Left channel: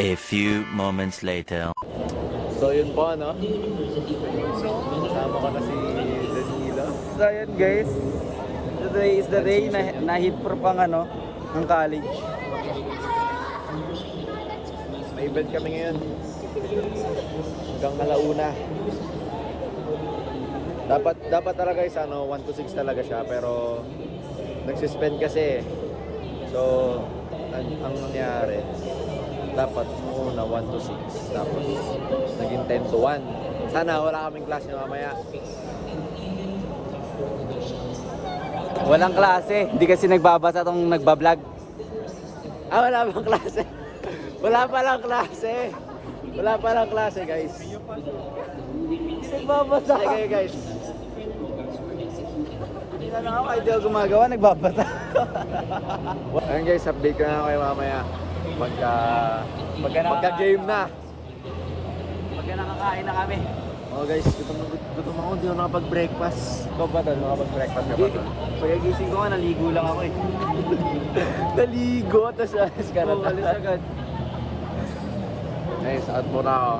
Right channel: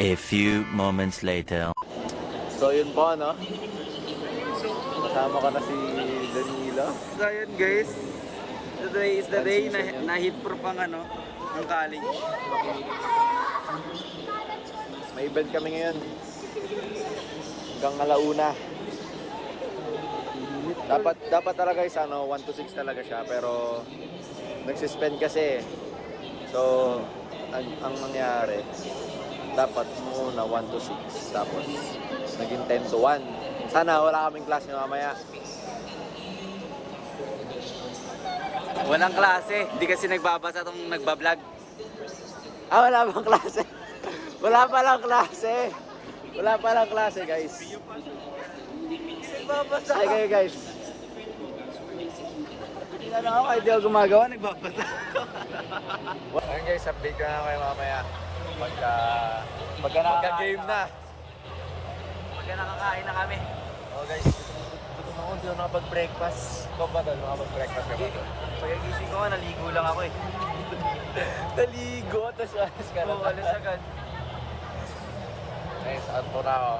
A few moments later. So yun po ano. Kasama ka na si Danilo. So yun guys. Today is the day na, na hit proof ang ano, ng college. May event kami ngayon. Hanggang alauna. Dapat dapat talaga guys ano 1 to 6 talaga siya pero nagsuspend kasi. So ang, ang nangyari dapat muna 1 to 6 tapos naging 10 to 1. Sana wala kaming klase mamaya. Walang klase. Hindi kasi nagbabasa tong nagbablog. Ah, wala bang klase? Wala pa lang klase. Wala pa lang klase, guys. Nagbabasa. Okay, guys. Hindi na lang ako kahit di ako gumagawa, nagbabasa. Ayun guys, update ko na kayo mamaya. Pagka, pagka game na. Pagka nakakain na kami. Oh guys, gutom, gutom ako, hindi ako nakapag-breakfast. Ikaw ba doon nakapag-breakfast? Hindi, pagkagising ko nga, naligo lang ako eh. Naligo, tapos alis ka na. Oo, alis agad. Guys, at muna ako.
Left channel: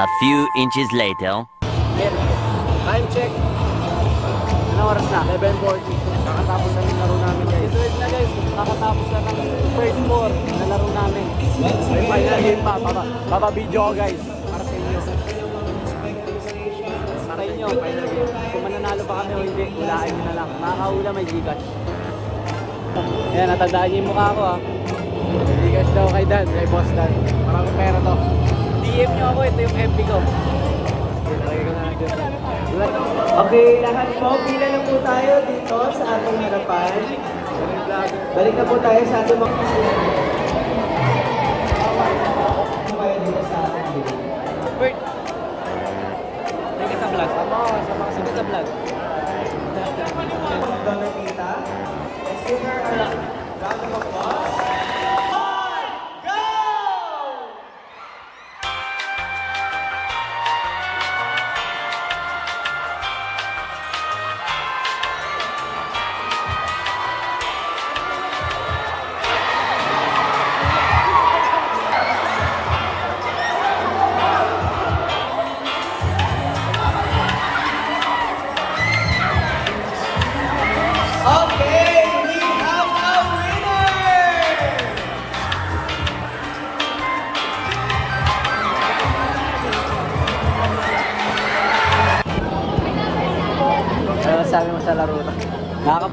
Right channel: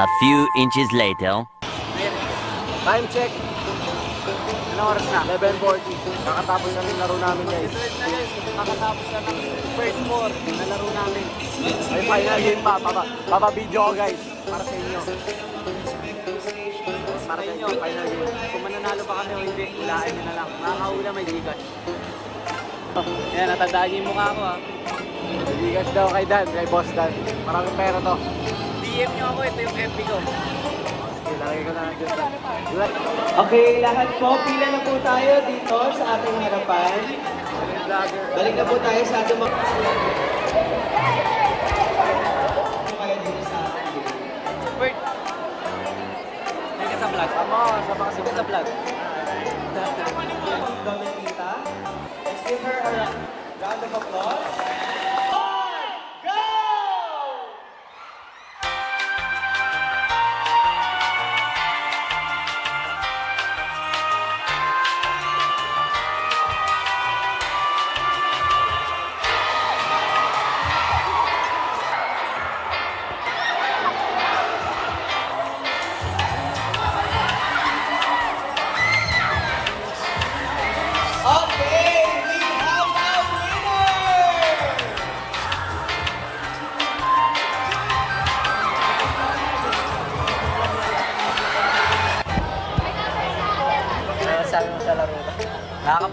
A few inches later. Time check. Ano oras na? 11.40. Kakatapos na ng laro namin guys. Ito na guys, kakatapos na ng first four na laro namin. May final game pa. Papa, papa video guys. Para sa inyo. Para sa inyo, final game. Kung mananalo pa kami o hindi, hulaan nyo na lang. Makakahula may Gcash. Yan, natandaan niyo yung mukha ko ha. Bigas daw kay Dan, kay Boss Dan. Parang pera to. DM nyo ako, ito yung FB ko. Ilagay ko na lang dyan. Okay, lahat po, pila na po tayo dito sa ating harapan. Balik na po tayo sa ating mga...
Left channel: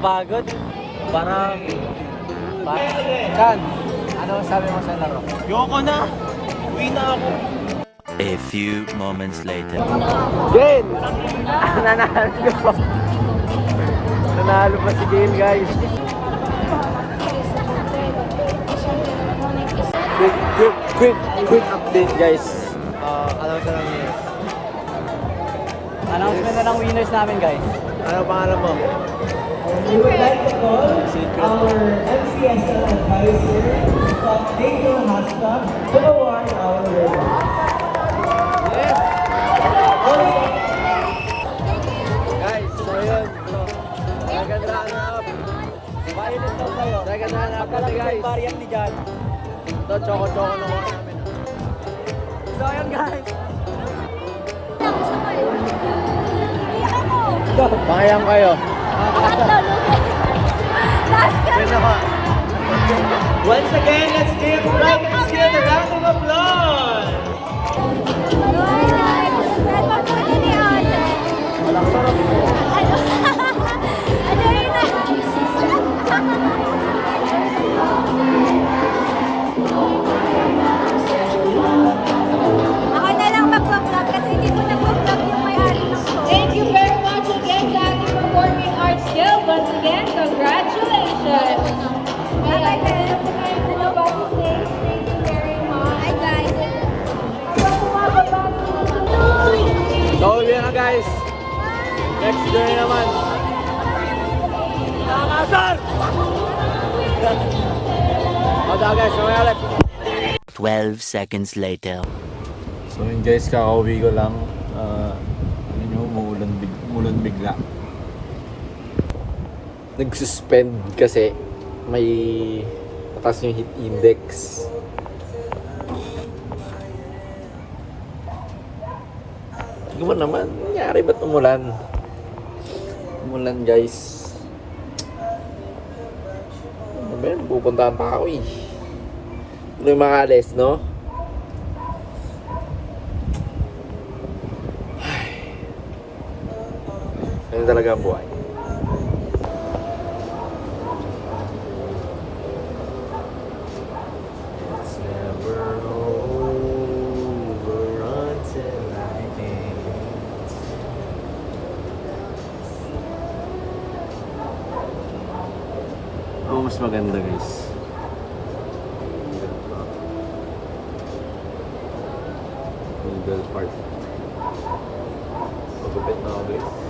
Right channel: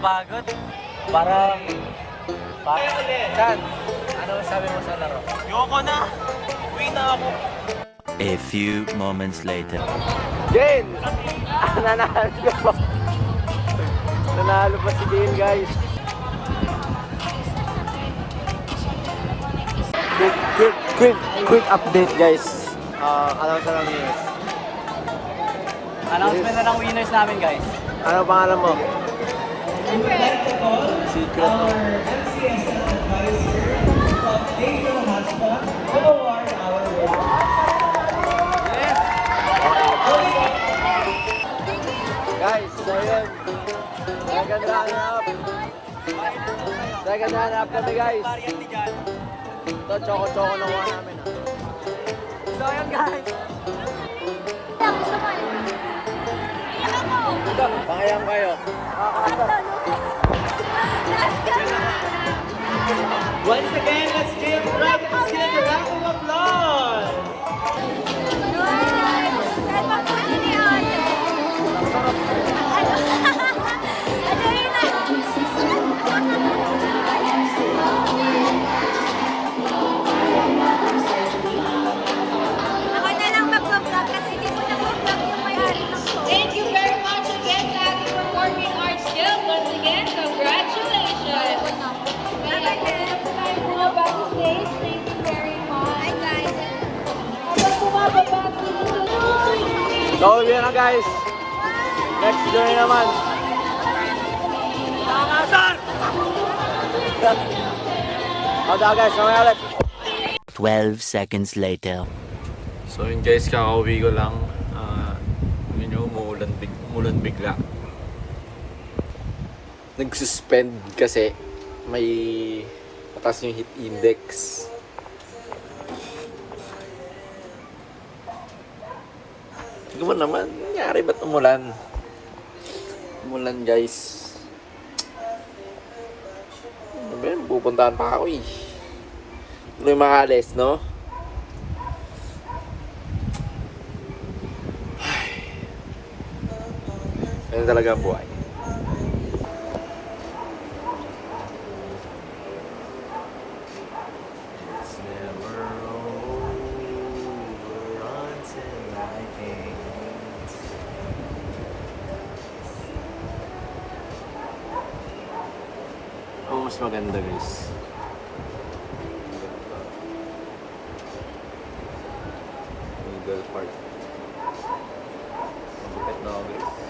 Nakakapagod. Parang... Yoko na! Uwi na ako! A few moments later. Game! Nanalo pa si Game guys. Quick, quick, quick, quick update guys. Ah, ano sa lang yun? Announcement na ng winners namin guys. Ano pangalan mo? We would like to call our MCSL advisor from Angel Hasta to award our. Yes! Guys, so yun. Second runner-up kami guys. Ito, choco-choco na kuha namin ah. So yun guys. Mayang kayo. Once again, let's give Frank and Sid a round of applause! Ako 12 seconds later. So yun guys, kakauwi ko lang. umulan bigla. Nag-suspend kasi may mataas yung heat index. Hindi mo naman, nangyari ba't umulan? Umulan guys. Pupuntahan pa ako eh. Ano yung no? Ano talaga ang buhay? Oh, mas maganda guys. Middle part. Magupit na ako guys.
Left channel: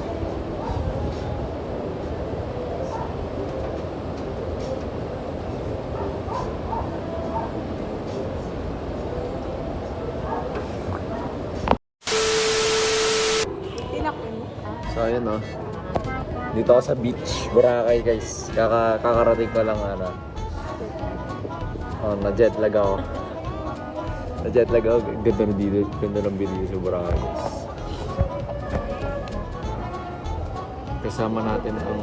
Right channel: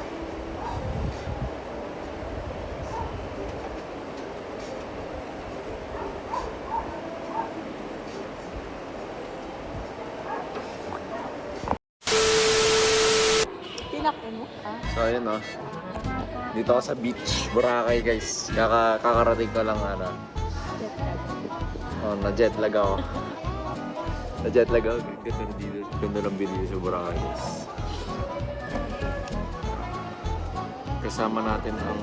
So ayun oh. Dito ako sa beach, Boracay guys. Kaka kakarating ko lang ano. Oh, na jet lag ako. Na jet lag ako. Ganda ng video, ganda ng video sa Boracay guys. Kasama natin ang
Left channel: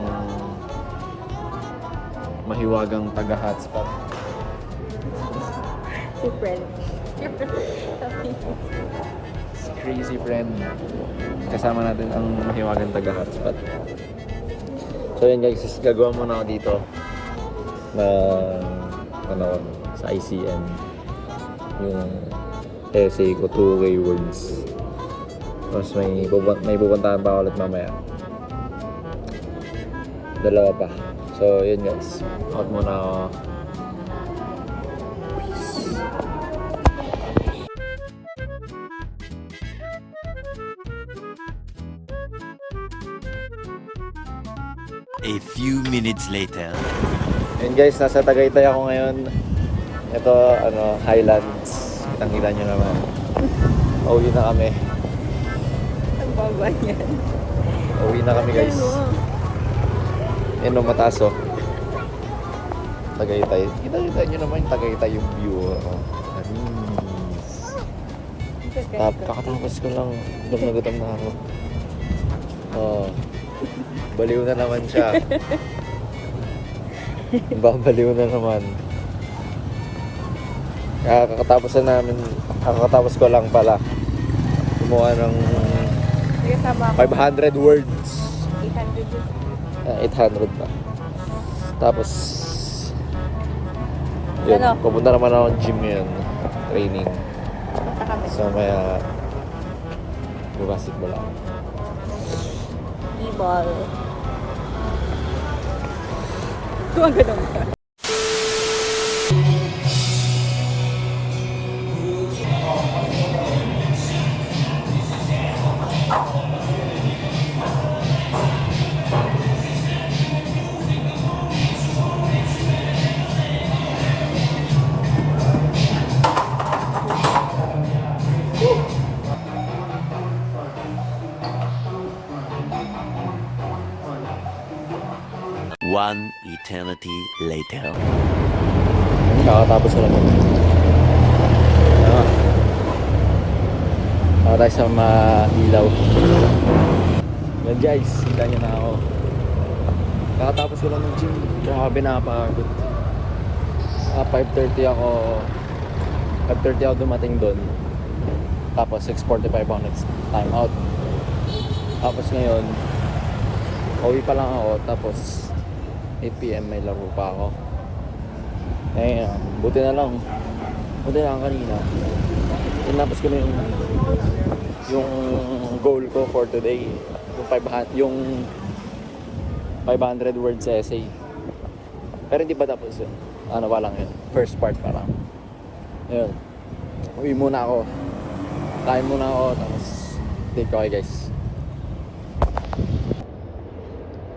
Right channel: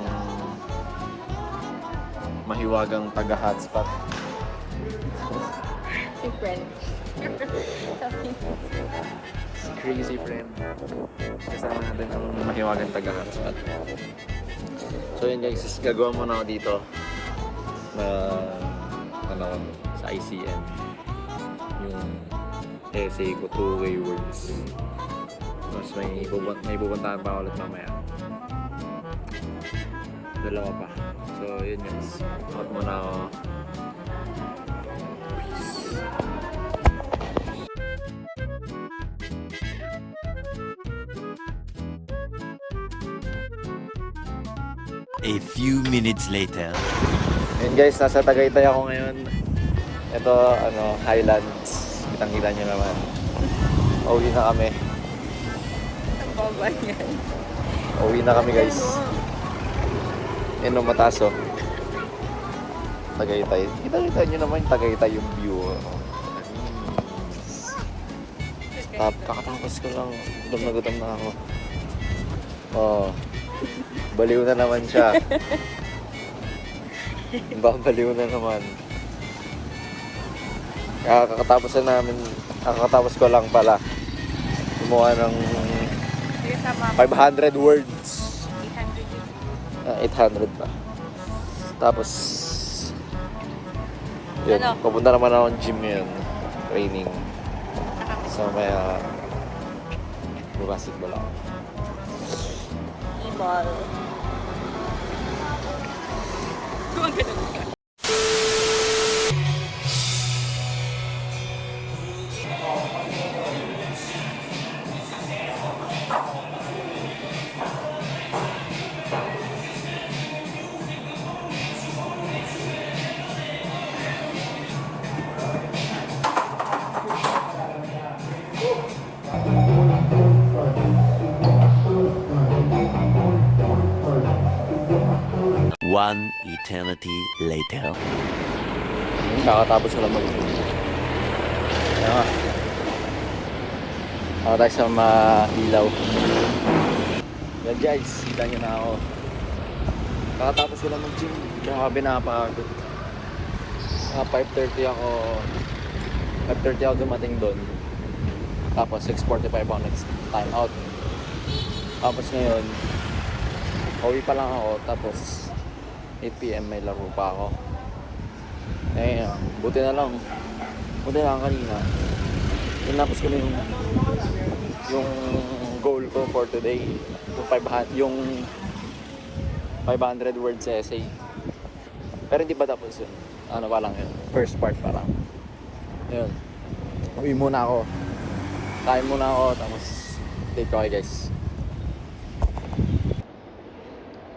mahiwagang taga hotspot. Si friend. Crazy friend. Kasama natin ang mahiwagang taga hotspot. So yun guys, gagawa muna ako dito na ano sa ICM yung essay ko two-way words. Tapos may, bubun- may pupuntahan pa ulit mamaya. Dalawa pa. So yun guys, out muna ako. A few minutes later. Yun guys, nasa Tagaytay ako ngayon. Ito, ano, Highlands. Kitang-kita nyo naman. Uwi na kami. Ang baba niyan. Uwi na kami guys. Yan o, mataas oh. Tagaytay. Kita-kita nyo naman yung Tagaytay yung view. Oh. Tap, kakatapos ko lang. Gutom na gutom na ako. Oh. Baliw na naman siya. Babaliw na naman. Kaya kakatapos na namin, kakatapos ko lang pala. Gumawa ng Yung sa baba. 500 words. 800. Ah, 800 pa. Tapos, yun, Ano? pupunta naman ako ng gym yun. Training. So, may uh, basketball ako. football. Kung ano eternity later. Yun, kakatapos ko lang mag Ano? Ako tayo sa mailaw. Yan guys, kita nyo na ako. Kakatapos ko lang mag-gym. Grabe napagod. Ah, 5.30 ako. 5.30 ako dumating doon. Tapos 6.45 ako next time out. Tapos ngayon, uwi pa lang ako. Tapos 8pm may laro pa ako. Eh, buti na lang. Buti na lang kanina. Tinapos ko na yung yung goal ko for today. Yung 500 yung 500 words essay. Pero hindi pa tapos yun. Ano pa lang yun. First part pa lang. Yun. Uwi muna ako. Kain muna ako. Tapos date ko guys.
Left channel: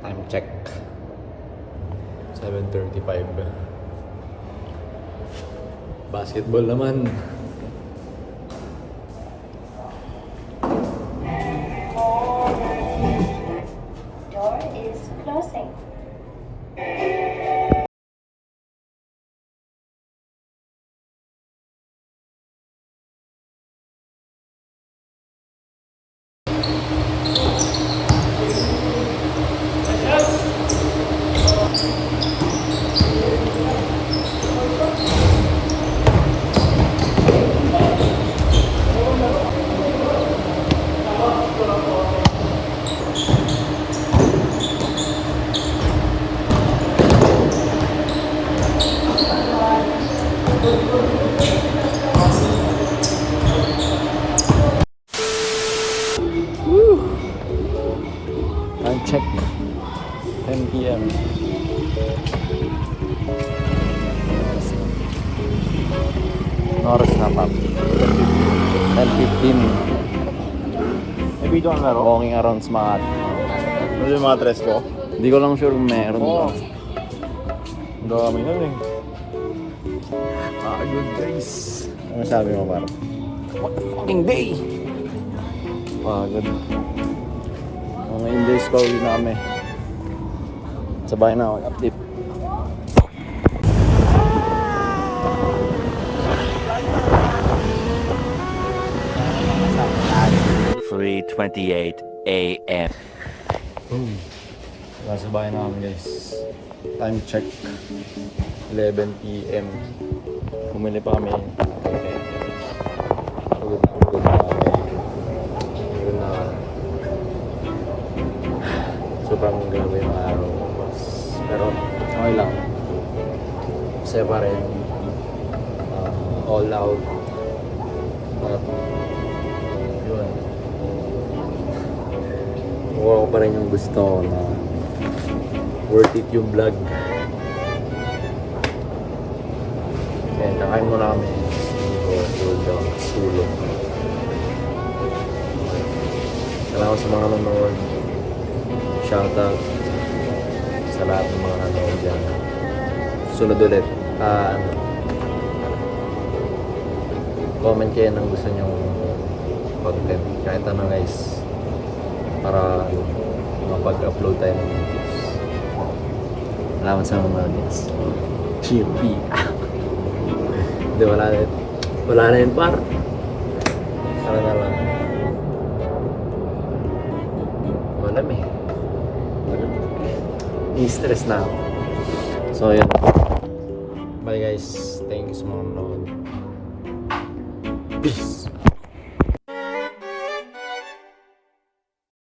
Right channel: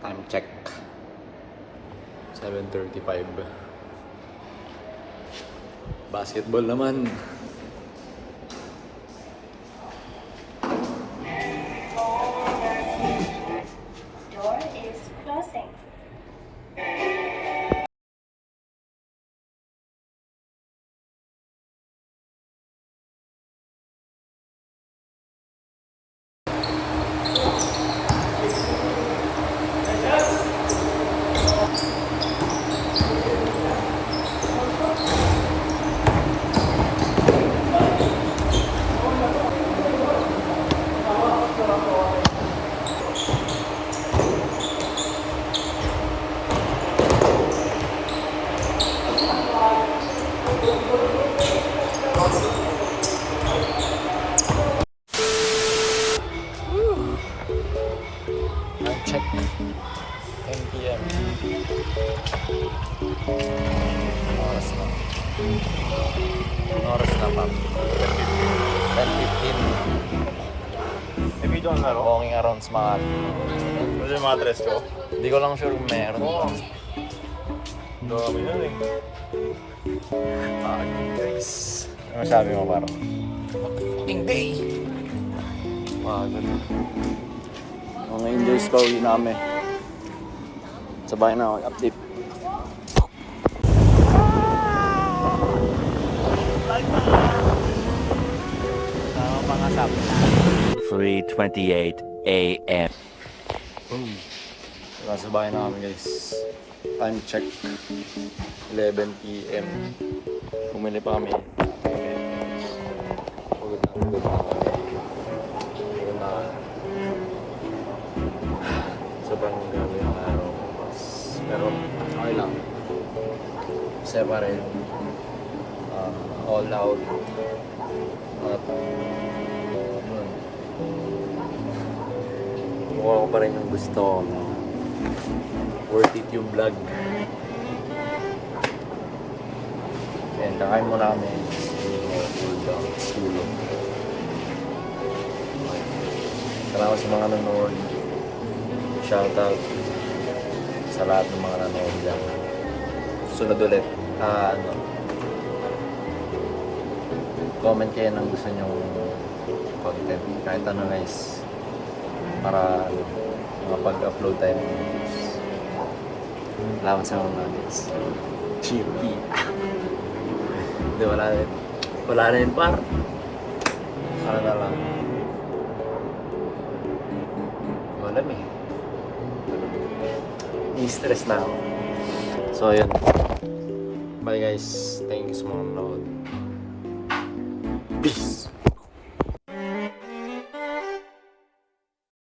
Time check. 7.35 Basketball naman p.m. Oras na. Oras na, Pam? 10.15. May video ka meron? Walking around smart. Ano yung mga dress ko? Hindi ko lang sure kung meron pa. Ang dami na eh. Ano sabi mo, Pam? Fucking day! Ah, ganun. Ngayon days pa uwi na kami. Sabay na ako, update. 3:28 a.m. Boom. Nasa bahay na kami guys. Time check. 11 p.m. Bumili pa kami. Pagod na pagod na kami. Sobrang grabe yung araw ko. Pero okay lang. Masaya pa rin. Ah, all out. At yun. Kukuha ko pa rin yung gusto ko na worth it yung vlog. Ayan, nakain muna kami. Hindi ko cool down, tulog. Salamat sa mga nanonood. Shoutout sa lahat ng mga nanonood dyan. Sunod ulit. Ah, ano, comment kayo ng gusto nyong content. Kahit ano guys. Para ano, mapag-upload tayo ng videos. Salamat sa mga guys. Chippy. Hindi, wala na yun. Wala na yun, par. Para na lang. Wala eh. I-stress na ako. So, yun. Bye guys. Thank you sa mga nanonood. Peace.